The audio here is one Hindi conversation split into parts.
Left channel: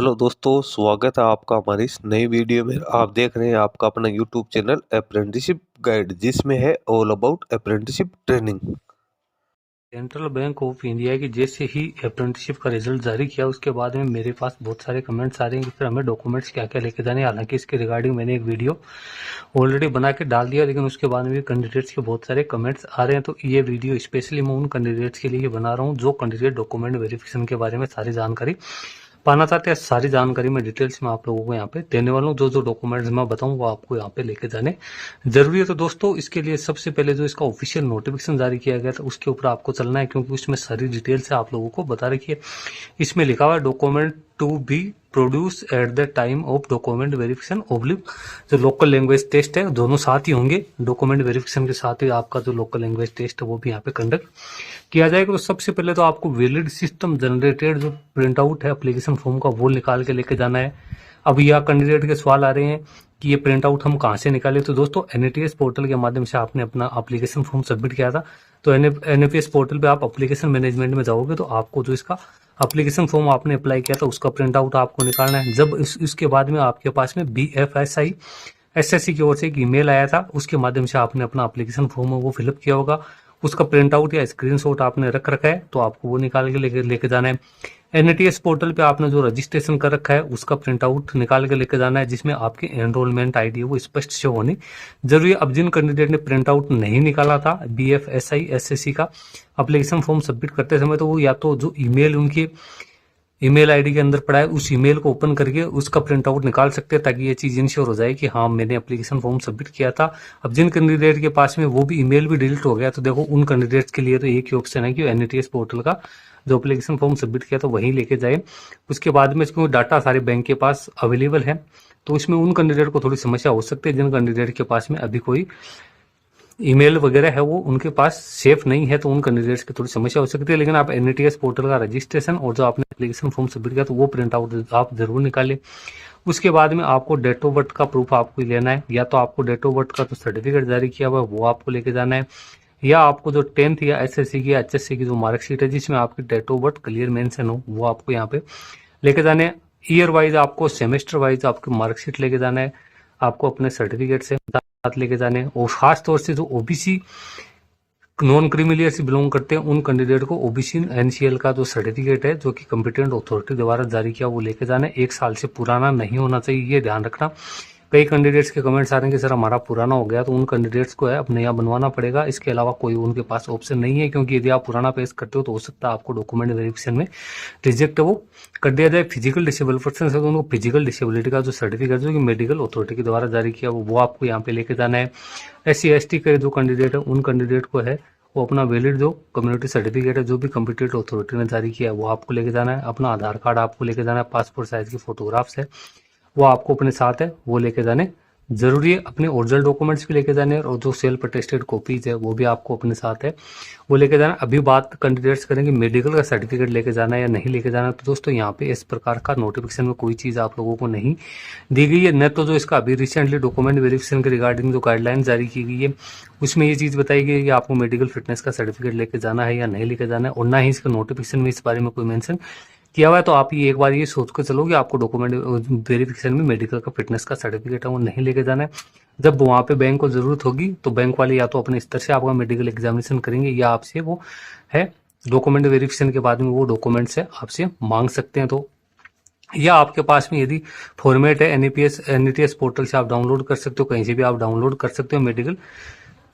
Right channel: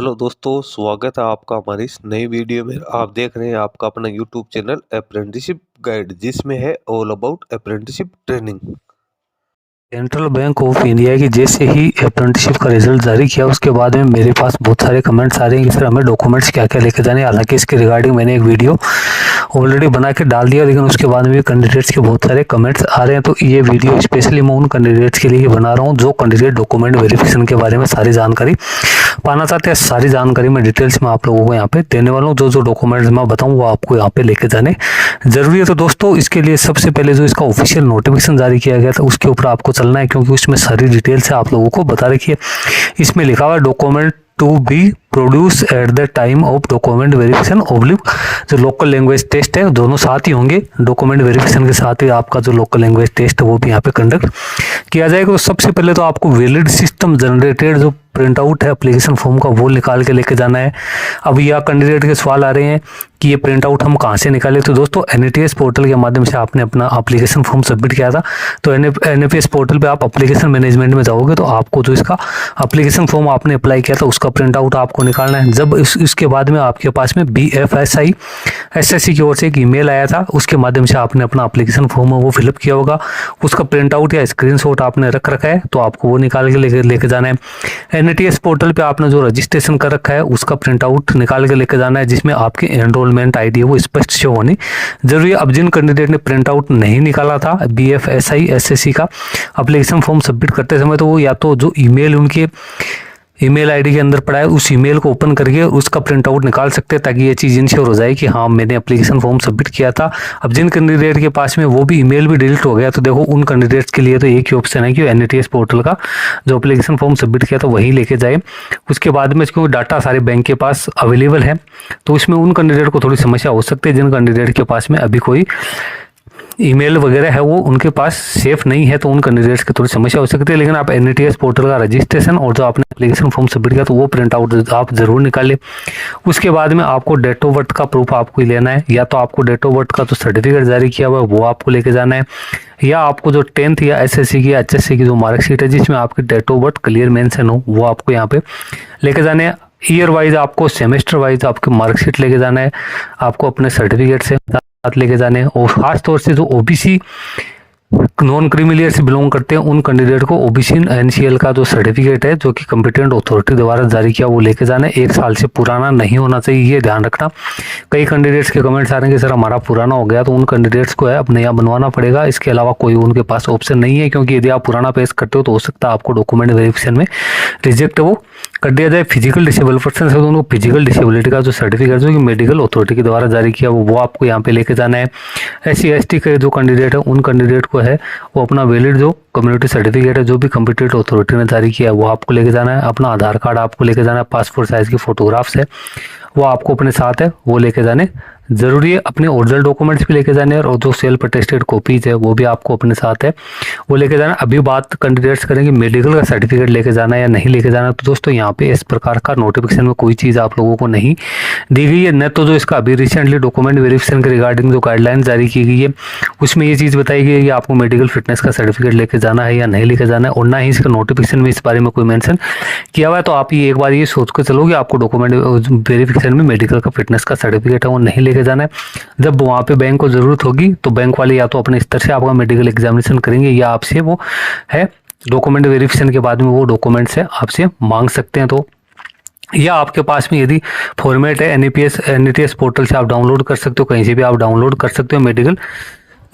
हेलो दोस्तों, स्वागत है आपका हमारी इस नई वीडियो में। आप देख रहे हैं आपका अपना यूट्यूब चैनल अप्रेंटिसशिप गाइड, जिसमें है all about apprenticeship training. Central bank of India की जैसे ही अप्रेंटिसशिप का रिजल्ट जारी किया उसके बाद में मेरे पास बहुत सारे कमेंट्स आ रहे हैं कि सर हमें डॉक्यूमेंट्स क्या क्या लेके जाने। हालांकि इसके रिगार्डिंग मैंने एक वीडियो ऑलरेडी बना के डाल दिया, लेकिन उसके बाद में कैंडिडेट्स के बहुत सारे कमेंट्स आ रहे हैं। तो ये वीडियो स्पेशली मैं उन कैंडिडेट्स के लिए बना रहा हूँ जो कैंडिडेट डॉक्यूमेंट वेरिफिकेशन के बारे में सारी जानकारी पाना चाहते हैं। सारी जानकारी मैं डिटेल्स में आप लोगों को यहाँ पे देने वाला हूँ। जो जो डॉक्यूमेंट्स मैं बताऊँ वो आपको यहाँ पे लेके जाने जरूरी है। तो दोस्तों इसके लिए सबसे पहले जो इसका ऑफिशियल नोटिफिकेशन जारी किया गया था उसके ऊपर आपको चलना है, क्योंकि उसमें सारी डिटेल्स है आप लोगों को बता रखी है। इसमें लिखा हुआ document to be produce at the time of document verification oblique जो लोकल लैंग्वेज टेस्ट है, दोनों साथ ही होंगे। डॉक्यूमेंट वेरिफिकेशन के साथ ही आपका जो लोकल लैंग्वेज टेस्ट है वो भी यहाँ पे कंडक्ट किया जाएगा। तो सबसे पहले तो आपको वैलिड सिस्टम जनरेटेड जो प्रिंट आउट है एप्लीकेशन फॉर्म का वो निकाल के लेके जाना है। अब यह कैंडिडेट के सवाल आ रहे हैं कि ये प्रिंट आउट हम कहाँ से निकालें। तो दोस्तों NATS पोर्टल के माध्यम से आपने अपना एप्लीकेशन फॉर्म सबमिट किया था, तो NAPS पोर्टल पे आप एप्लीकेशन मैनेजमेंट में जाओगे तो आपको जो इसका एप्लीकेशन फॉर्म आपने अप्लाई किया था उसका प्रिंट आउट आपको निकालना है। जब इसके बाद में आपके पास में BFSI SSC की ओर से एक ईमेल आया था, उसके माध्यम से आपने अपना एप्लीकेशन फॉर्म है वो फिलअप किया होगा। उसका प्रिंट आउट या स्क्रीनशॉट आपने रख रखा है, तो आपको वो निकाल के लेके जाना है। NATS पोर्टल पे आपने जो रजिस्ट्रेशन कर रखा है उसका प्रिंट आउट निकाल के लेके जाना है, जिसमें आपकी एनरोलमेंट ID है वो स्पष्ट शो होनी जरूरी है। अब जिन कैंडिडेट ने प्रिंट आउट नहीं निकाला था BFSI SSC का एप्लीकेशन फॉर्म सबमिट करते समय, तो वो या तो जो ईमेल उनके ईमेल आईडी के अंदर पड़ा है उस ईमेल को ओपन करके उसका प्रिंट आउट निकाल सकते हैं, ताकि ये चीज़ इंश्योर हो जाए कि हाँ मैंने एप्लीकेशन फॉर्म सबमिट किया था। अब जिन कैंडिडेट के पास में वो भी ईमेल भी डिलीट हो गया, तो देखो उन कैंडिडेट्स के लिए तो एक ही ऑप्शन है कि NATS पोर्टल का जो एप्लीकेशन फॉर्म सबमिट किया था वही लेके जाए। उसके बाद में क्योंकि डाटा सारे बैंक के पास अवेलेबल है, तो इसमें उन कैंडिडेट को थोड़ी समस्या हो सकती है जिन कैंडिडेट के पास में अभी कोई ईमेल वगैरह है वो उनके पास सेफ नहीं है, तो उन कैंडिडेट्स की थोड़ी समस्या हो सकती है। लेकिन आप NATS पोर्टल का रजिस्ट्रेशन और जो आपने एप्लीकेशन फॉर्म सबमिट किया तो वो प्रिंट आउट आप जरूर निकालें। उसके बाद में आपको डेट ऑफ बर्थ का प्रूफ आपको लेना है, या तो आपको डेट ऑफ बर्थ का जो सर्टिफिकेट जारी किया हुआ है वो आपको लेके जाना है, या आपको जो 10th या SSC की HSC की जो मार्कशीट है जिसमें आपकी date of birth clear mention हो वो आपको यहाँ पे लेके जाने हैं। ईयर वाइज आपको सेमेस्टर वाइज आपकी मार्कशीट लेके जाना है, आपको अपने सर्टिफिकेट से साथ लेके जाने हैं। और खास तौर से जो OBC नॉन क्रीमी से बिलोंग करते हैं उन कैंडिडेट को OBC NCL का जो सर्टिफिकेट है जो कि कॉम्पिटेंट अथॉरिटी द्वारा जारी किया वो लेके जाना है। 1 साल से पुराना नहीं होना चाहिए, ये ध्यान रखना। कई कैंडिडेट्स के कमेंट्स आ रहे हैं कि सर हमारा पुराना हो गया, तो उन कैंडिडेट्स को है अब नया बनवाना पड़ेगा। इसके अलावा कोई उनके पास ऑप्शन नहीं है, क्योंकि यदि आप पुराना पेश करते हो तो हो सकता है आपको डॉक्यूमेंट वेरिफिकेशन में रिजेक्ट वो कर दिया जाए। फिजिकल डिसेबल पर्सन है तो उनको फिजिकल डिसेबिलिटी का जो सर्टिफिकेट जो कि मेडिकल अथॉरिटी के द्वारा जारी किया वो आपको यहाँ पे लेके जाना है। SC ST के जो कैंडिडेट है उन कैंडिडेट को है वो अपना वैलिड जो कम्युनिटी सर्टिफिकेट है जो भी कॉम्पिटेंट अथॉरिटी ने जारी किया है वो आपको लेके जाना है। अपना आधार कार्ड आपको लेके जाना है, पासपोर्ट साइज की फोटोग्राफ्स है वो आपको अपने साथ है वो लेके जाने जरूरी है। अपने ओरिजिनल डॉक्यूमेंट्स भी लेके जाने हैं और जो सेल्फ अटेस्टेड कॉपीज है वो भी आपको अपने साथ है वो लेके जाना। अभी बात कैंडिडेट्स करेंगे मेडिकल का सर्टिफिकेट लेके जाना है या नहीं लेके जाना। तो दोस्तों यहाँ पे इस प्रकार का नोटिफिकेशन में कोई चीज़ आप लोगों को नहीं दी गई है, न तो जो इसका अभी रिसेंटली डॉक्यूमेंट वेरिफिकेशन के रिगार्डिंग जो गाइडलाइन जारी की गई है उसमें ये चीज़ बताई गई है कि आपको मेडिकल फिटनेस का सर्टिफिकेट लेके जाना है या नहीं लेके जाना है, और ना ही इसका नोटिफिकेशन में इस बारे में कोई मेंशन किया हुआ है। तो आप ये एक बार ये सोच कर चलो कि आपको डॉक्यूमेंट वेरिफिकेशन में मेडिकल का फिटनेस का सर्टिफिकेट है वो नहीं लेके जाना है। जब वहाँ पे बैंक को ज़रूरत होगी तो बैंक वाले या तो अपने स्तर से आपका मेडिकल एग्जामिनेशन करेंगे या आपसे वो है डॉक्यूमेंट वेरिफिकेशन के बाद में वो डॉक्यूमेंट्स है आपसे मांग सकते हैं। तो या आपके पास में यदि फॉर्मेट है NATS पोर्टल से आप डाउनलोड कर सकते हो, कहीं से भी आप डाउनलोड कर सकते हो। मेडिकल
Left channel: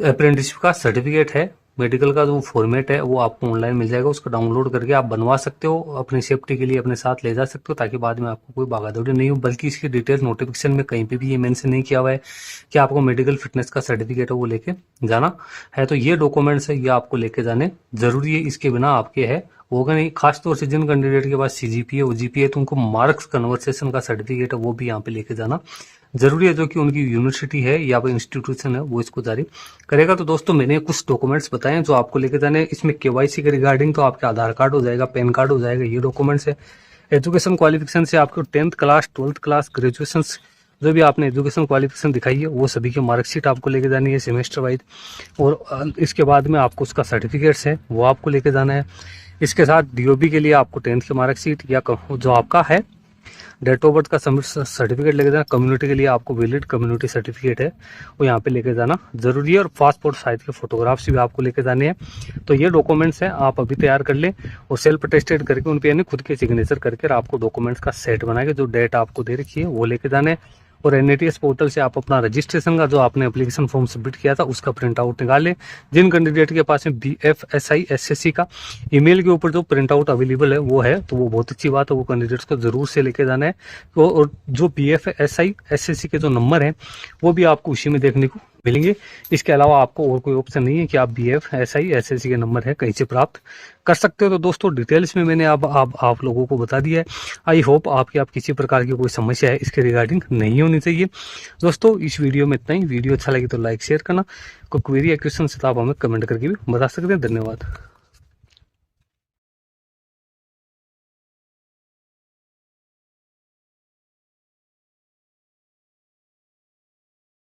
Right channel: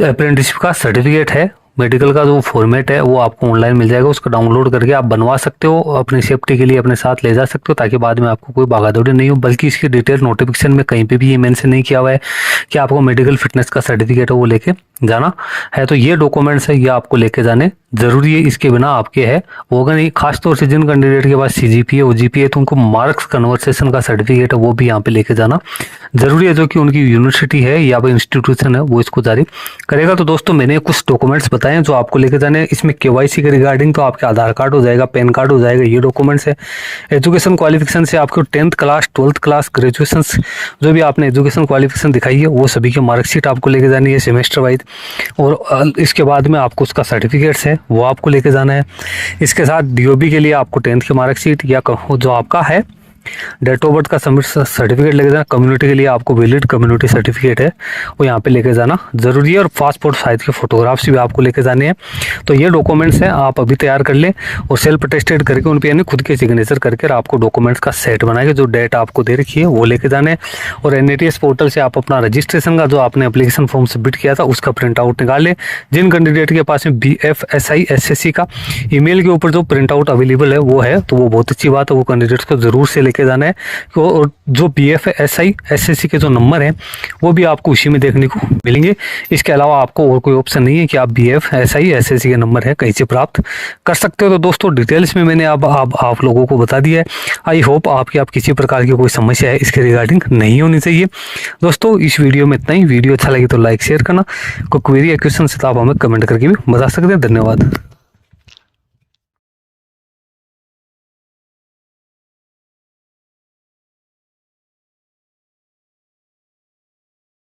अप्रेंटिसशिप का सर्टिफिकेट है, मेडिकल का जो फॉर्मेट है वो आपको ऑनलाइन मिल जाएगा, उसको डाउनलोड करके आप बनवा सकते हो, अपनी सेफ्टी के लिए अपने साथ ले जा सकते हो ताकि बाद में आपको कोई भागादौड़ी नहीं हो। बल्कि इसकी डिटेल नोटिफिकेशन में कहीं पे भी ये मेंशन नहीं किया हुआ है कि आपको मेडिकल फिटनेस का सर्टिफिकेट है वो लेके जाना है। तो ये डॉक्यूमेंट्स है ये आपको लेके जाने जरूरी है, इसके बिना आपके है होगा नहीं। खासतौर से जिन कैंडिडेट के पास CGPA OGPA है तो उनको मार्क्स कन्वर्सेशन का सर्टिफिकेट है वो भी यहाँ पे लेके जाना जरूरी है, जो कि उनकी यूनिवर्सिटी है या फिर इंस्टीट्यूशन है वो इसको जारी करेगा। तो दोस्तों मैंने कुछ डॉक्यूमेंट्स बताए हैं जो आपको लेके जाने हैं। इसमें KYC के रिगार्डिंग तो आपके आधार कार्ड हो जाएगा, पैन कार्ड हो जाएगा, ये डॉक्यूमेंट्स है। एजुकेशन क्वालिफिकेशन से आपको 10th class 12th class graduation जो भी आपने एजुकेशन क्वालिफिकेशन दिखाई है वो सभी की मार्कशीट आपको लेके जानी है सेमेस्टर वाइज, और इसके बाद में आपको उसका सर्टिफिकेट्स है वो आपको लेके जाना है। इसके साथ DOB के लिए आपको 10th की मार्कशीट या जो आपका है डेट ऑफ बर्थ का सर्टिफिकेट लेके जाना, कम्युनिटी के लिए आपको वैलिड कम्युनिटी सर्टिफिकेट है वो यहाँ पे लेके जाना ज़रूरी है, और पासपोर्ट साइज के फोटोग्राफ्स भी आपको लेके जाने हैं। तो ये डॉक्यूमेंट्स हैं, आप अभी तैयार कर लें और सेल्फ अटेस्टेड करके उन पे यानी खुद के सिग्नेचर करके आपको डॉक्यूमेंट्स का सेट बना के जो डेट आपको दे रखी है वो लेके जाने हैं। और NATS पोर्टल से आप अपना रजिस्ट्रेशन का जो आपने एप्लीकेशन फॉर्म सबमिट किया था उसका प्रिंट आउट निकाल लें। जिन कैंडिडेट के पास में BFSI SSC का ईमेल के ऊपर जो प्रिंट आउट अवेलेबल है वो है, तो वो बहुत अच्छी बात है, वो कैंडिडेट्स को ज़रूर से लेके जाना है। और जो BFSI SSC के जो नंबर हैं वो भी आपको उसी में देखने को मिलेंगे। इसके अलावा आपको और कोई ऑप्शन नहीं है कि आप BFSI SSC के नंबर है कहीं से प्राप्त कर सकते हो। तो दोस्तों डिटेल्स में मैंने अब आप लोगों को बता दिया है। आई होप आपकी किसी प्रकार की कोई समस्या है इसके रिगार्डिंग नहीं होनी चाहिए। दोस्तों इस वीडियो में इतना ही। वीडियो अच्छा लगे तो लाइक शेयर करना, कोई क्वेरी या क्वेश्चन से तो आप हमें कमेंट करके भी बता सकते हैं। धन्यवाद।